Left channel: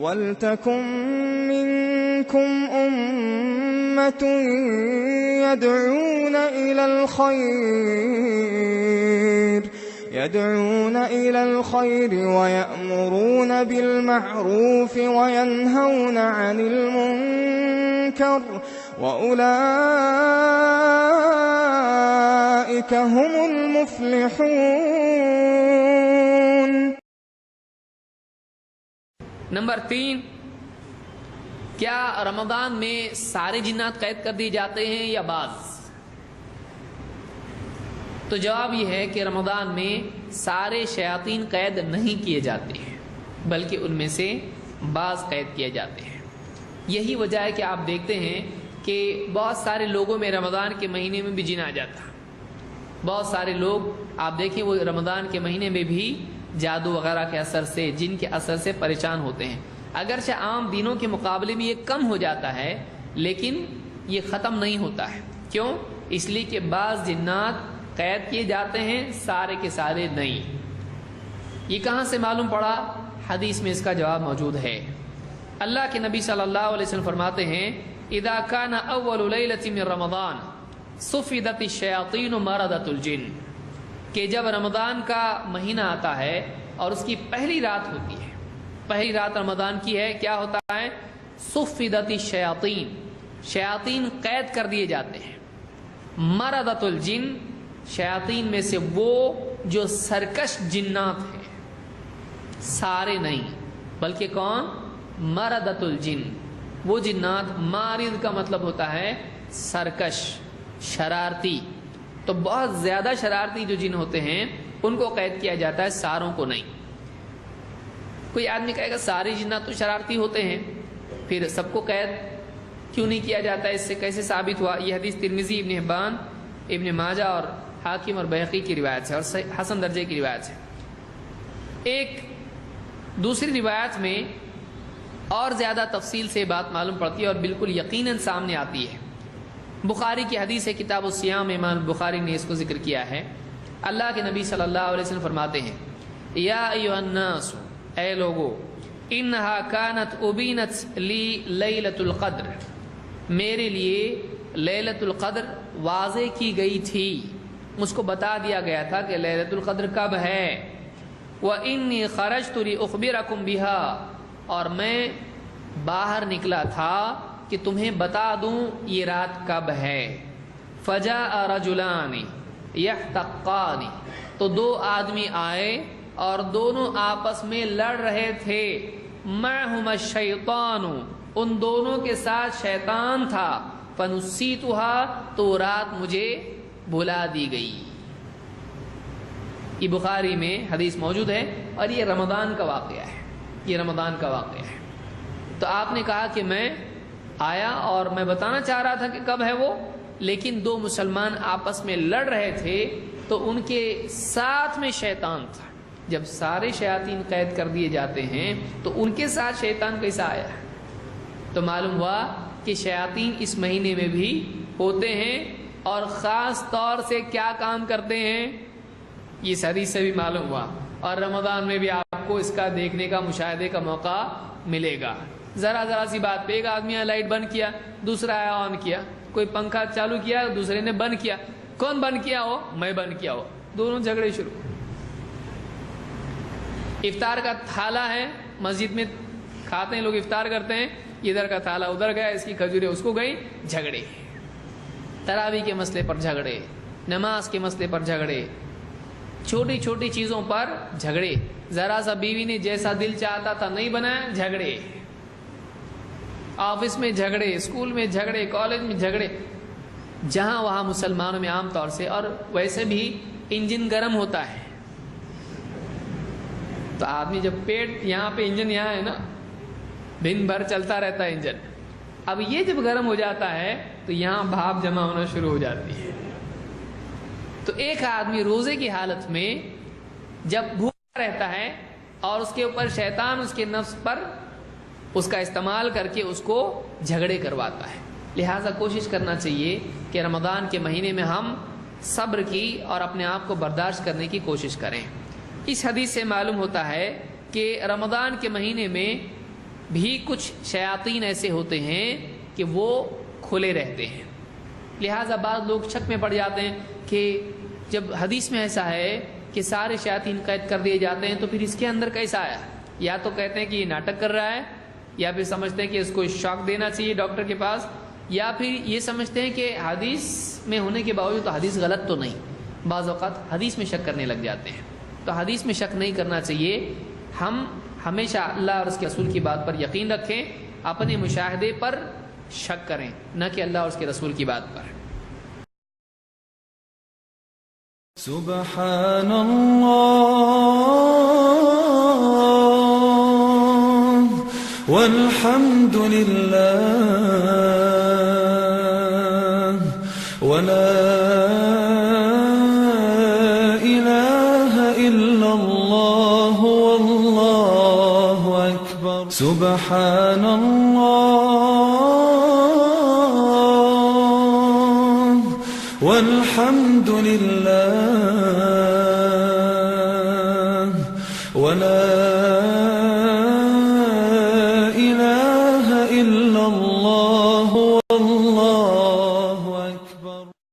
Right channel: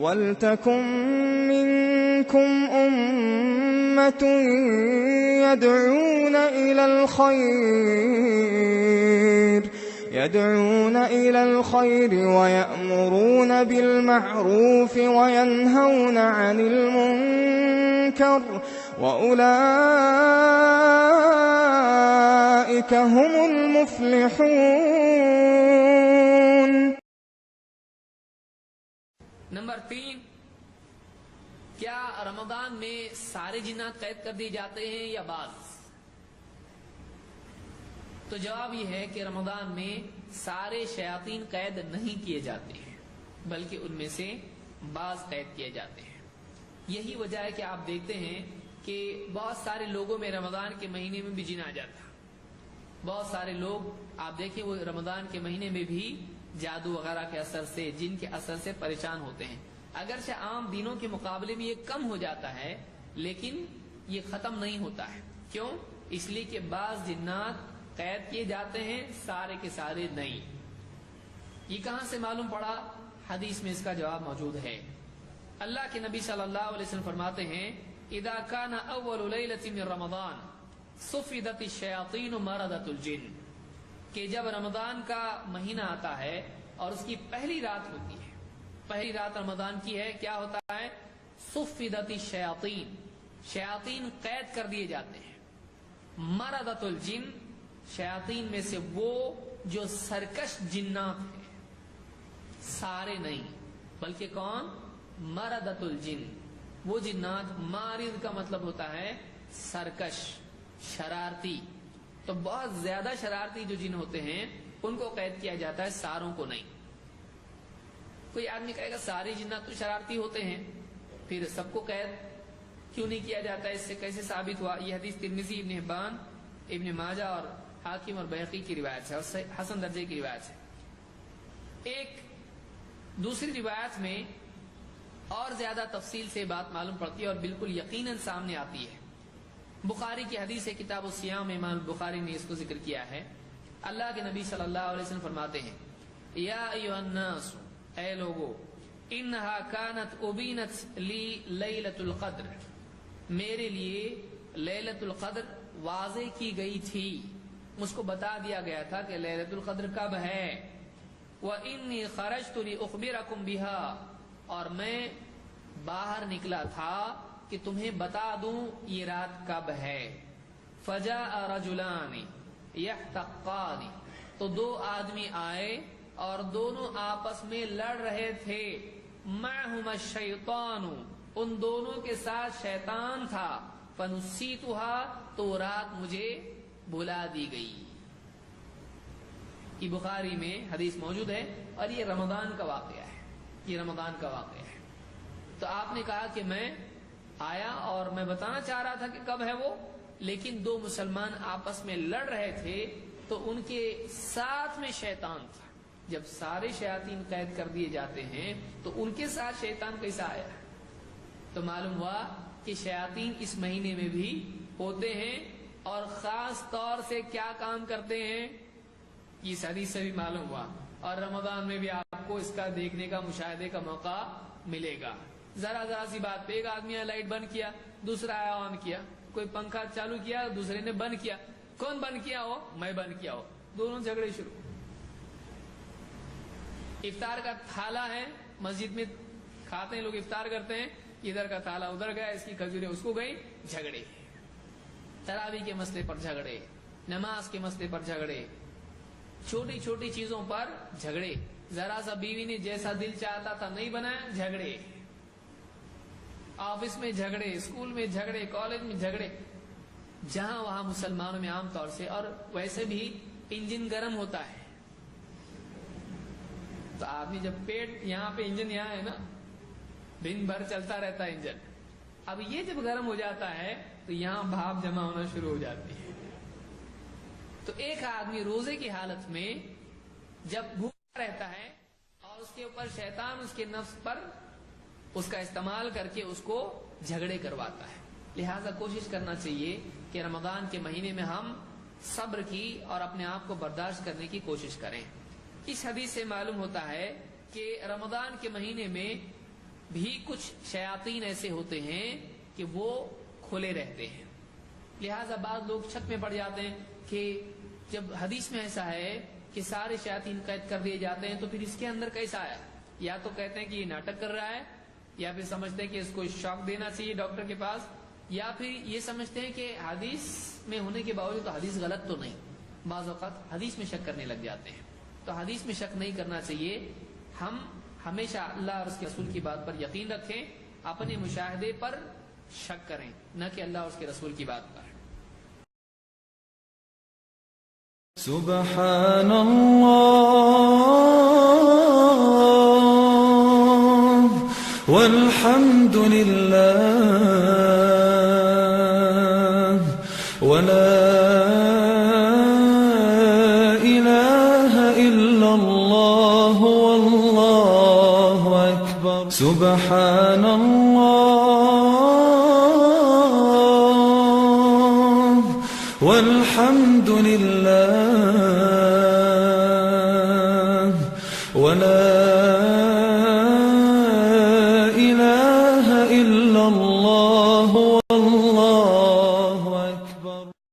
وَلْتَكُن مِّنكُمْ أُمَّةٌ يَدْعُونَ إِلَى الْخَيْرِ وَيَأْمُرُونَ بِالْمَعْرُوفِ وَيَنْهَوْنَ عَنِ الْمُنكَرِ وَأُولَئِكَ هُمُ الْمُفْلِحُونَ۔ نمبر 3، کیا رمضان میں سارے جنات قید کر دیے جاتے ہیں یا بعض؟ تو جواب یہ ہے کہ رمضان میں سارے شیاطین قید نہیں کیے جاتے ہیں، بلکہ ان میں سے بعض قید کیے جاتے ہیں۔ یہی وجہ ہے کہ آپ دیکھتے ہیں کہ بہت سارے لوگوں میں رمضان کے مہینے میں بھی جن آ جاتا ہے۔ بہت سارے لوگ آپ دیکھیں وہ رمضان کے مہینے میں بھی جادو وغیرہ کے اثر سے، جن کے اثر سے پریشان ہوتے ہیں۔ اگرچہ عام دنوں کے مقابلے میں یہ کم ہو جاتا ہے، لیکن یہ ختم نہیں ہوتا ہے۔ کیوں؟ اس لیے کہ بعض جنات قید کیے جاتے ہیں، سارے کے سارے نہیں۔ یہ کہاں سے معلوم پڑا؟ حدیث میں اس کا جواب موجود ہے۔ اللہ کے نبی صلی اللہ علیہ وسلم فرماتے ہیں اذا كان اول ليلة من رمضان صفدت الشياطين مردت الجن، کہ جب رمضان کا مہینہ آتا ہے اور اس کی پہلی رات ہوتی ہے، پہلی رات رمضان کی ہے، کیا ہوتا ہے؟ صفدت الشیاطین، شیاطین قید کر دیے جاتے ہیں۔ مردت الجن، شیاطین میں سے وہ جو سرکش جنات ہیں، سارے نہیں بلکہ کون؟ مردت الجن، وہ جنات، مارد کا مطلب ہوتا ہے سرکش، شرارتی، تو بہت زیادہ شرارتی جو جن ہوتے ہیں ان کو قید کیا جاتا ہے، ساروں کو نہیں۔ کوئی آدمی کہے گا سارے جنات تو شرارتی ہوتے ہیں، پھر سب کو قید کیوں نہیں کیا جاتا؟ اس سے کیسے ثابت ہوا؟ یہ حدیث ترمذی، ابن حبان، ابن ماجہ اور حاکم اور بہقی کی روایت ہے اور حسن درجے کی روایت ہے۔ ایک دوسری روایت میں اور زیادہ تفصیل سے بات معلوم پڑتی ہے اور بالکل یقیناً سامنے آتی ہے۔ بخاری کی حدیث ہے، کتاب الصیام، امام بخاری نے اس کو ذکر کیا ہے۔ اللہ کے نبی صلی اللہ علیہ وسلم فرماتے ہیں یا ایھا الناس، اے لوگو، انہا کانت ابینت لی لیلۃ القدر، میرے لیے لیلۃ القدر واضح کی گئی تھی، مجھ کو بتا دیا گیا تھا کہ لیلۃ القدر کب ہے۔ وانی خرجت لاخبرکم بها، اور میں باہر نکلا تھا کہ تمہیں بتا دوں یہ رات کب ہے۔ فجاء رجلان یحتقان، تو دو آدمی آئے اور دونوں آپس میں لڑ رہے تھے۔ معہما الشیطان، ان دونوں کے ساتھ شیطان تھا۔ فنسیتها، تو رات مجھے بھلا دی گئی۔ یہ بخاری میں حدیث موجود ہے اور یہ رمضان کا واقعہ ہے، یہ رمضان کا واقعہ ہے۔ تو آپ نے کہا کہ میں آیا اور میں بتانا چاہ رہا تھا کہ کب ہے وہ، لیکن دو مسلمان آپس میں لڑ رہے تھے تو ان کے ساتھ میں شیطان تھا۔ جب سارے شیاطین قید کر دیے جاتے ہیں تو ان کے ساتھ شیطان کیسا آیا؟ تو معلوم ہوا کہ شیاطین اس مہینے میں بھی ہوتے ہیں اور خاص طور سے کیا کام کرتے ہیں، یہ حدیث سے بھی معلوم ہوا۔ اور رمضان میں بھی آپ کو اس کا دیکھنے کا، مشاہدے کا موقع ملے گا۔ ذرا سی بات پہ ایک آدمی نے لائٹ بند کیا، دوسرا آیا آن کیا، کوئی پنکھا چالو کیا، دوسرے نے بند کیا۔ کون بند کیا ہو؟ میں بند کیا ہو، دونوں جھگڑے شروع۔ افطار کا تھالا ہے، مسجد میں کھاتے ہیں لوگ، افطار کرتے ہیں، ادھر کا تھالا ادھر گیا، اس کی کھجوریں اس کو گئی، جھگڑے۔ تراویح کے مسئلے پر جھگڑے، نماز کے مسئلے پر جھگڑے، چھوٹی چھوٹی چیزوں پر جھگڑے۔ ذرا سا بیوی نے جیسا دل چاہتا تھا نہیں بنایا، جھگڑے۔ آفس میں جھگڑے، اسکول میں جھگڑے، کالج میں جھگڑے، جہاں وہاں مسلمانوں میں عام طور سے۔ اور ویسے بھی انجن گرم ہوتا ہے تو آدمی جب پیٹ یہاں پہ، انجن یہاں ہے نا، دن بھر چلتا رہتا ہے انجن، اب یہ جب گرم ہو جاتا ہے تو یہاں بھاپ جمع ہونا شروع ہو جاتی ہے۔ تو ایک آدمی روزے کی حالت میں جب بھوکا رہتا ہے اور اس کے اوپر شیطان اس کے نفس پر اس کا استعمال کر کے اس کو جھگڑے کرواتا ہے۔ لہٰذا کوشش کرنا چاہیے کہ رمضان کے مہینے میں ہم صبر کی اور اپنے آپ کو برداشت کرنے کی کوشش کریں۔ اس حدیث سے معلوم ہوتا ہے کہ رمضان کے مہینے میں بھی کچھ شیاطین ایسے ہوتے ہیں کہ وہ کھلے رہتے ہیں. لہٰذا بعض لوگ شک میں پڑ جاتے ہیں کہ جب حدیث میں ایسا ہے کہ سارے شیاطین قید کر دیے جاتے ہیں تو پھر اس کے اندر کیسا آیا؟ یا تو کہتے ہیں کہ یہ ناٹک کر رہا ہے، یا پھر سمجھتے ہیں کہ اس کو شاک دینا چاہیے ڈاکٹر کے پاس، یا پھر یہ سمجھتے ہیں کہ حدیث میں ہونے کے باوجود تو حدیث غلط تو نہیں. بعض اوقات حدیث میں شک کرنے لگ جاتے ہیں. تو حدیث میں شک نہیں کرنا چاہیے. ہم ہمیشہ اللہ اور اس کے رسول کی بات پر یقین رکھیں، اپنے مشاہدے پر شک کریں، نہ کہ اللہ اور اس کے رسول کی بات پر. سبحان اللہ والحمد للہ ولا الہ الا اللہ واللہ اکبر. سبحان اللہ والحمد للہ ولا